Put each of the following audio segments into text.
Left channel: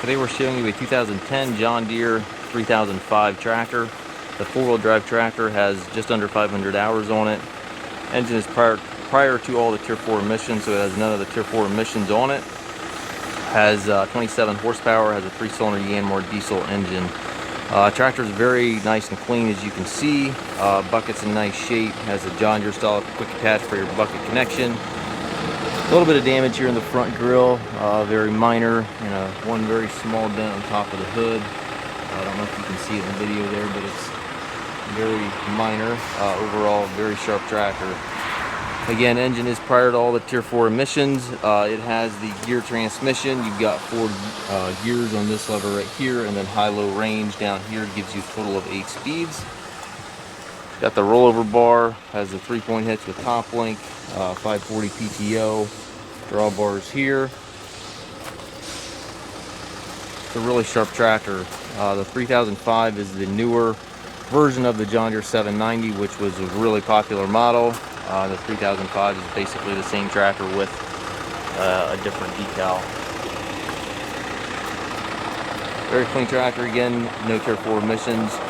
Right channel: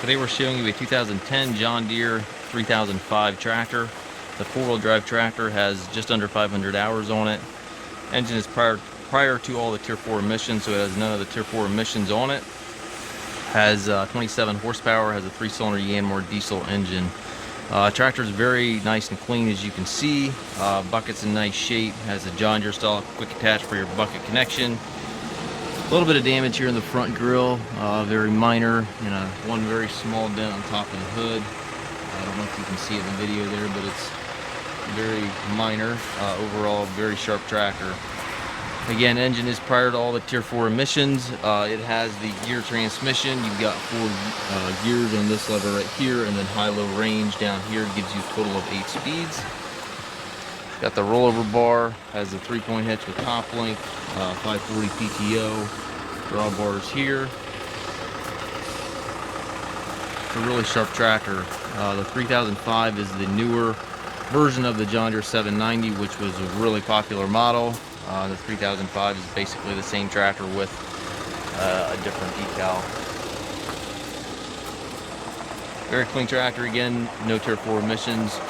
Today we're showing you a 2010 John Deere 3005 tractor. The four-wheel drive tractor has just under 500 hours on it. Engine is prior to all the Tier 4 emissions, so it has none of the Tier 4 emissions on it. Has 27 horsepower, has a 3-cylinder Yanmar diesel engine. Tractor is very nice and clean, as you can see. Bucket's in nice shape, has a John Deere style quick attach for your bucket connection. A little bit of damage here in the front grille, very minor, one very small dent on top of the hood. I don't know if you can see it in the video there, but it's very minor. Overall, very sharp tractor. Again, engine is prior to all the Tier 4 emissions. It has the gear transmission. You've got 4 gears on this lever right here, and then high-low range down here gives you a total of 8 speeds. Got the rollover bar, has the 3-point hitch with top link, 540 PTO, drawbars here. It's a really sharp tractor. The 3005 is the newer version of the John Deere 790, which was a really popular model. The 3005 is basically the same tractor with a different decal. Very clean tractor, again, no Tier 4 emissions.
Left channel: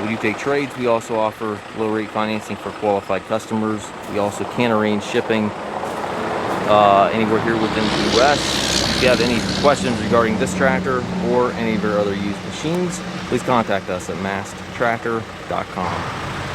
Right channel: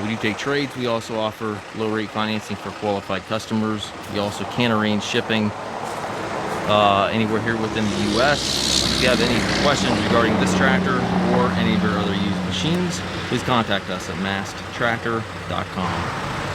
We do take trades. We also offer low-rate financing for qualified customers. We also can arrange shipping anywhere here within the U.S. If you have any questions regarding this tractor or any of our other used machines, please contact us at masttractor.com.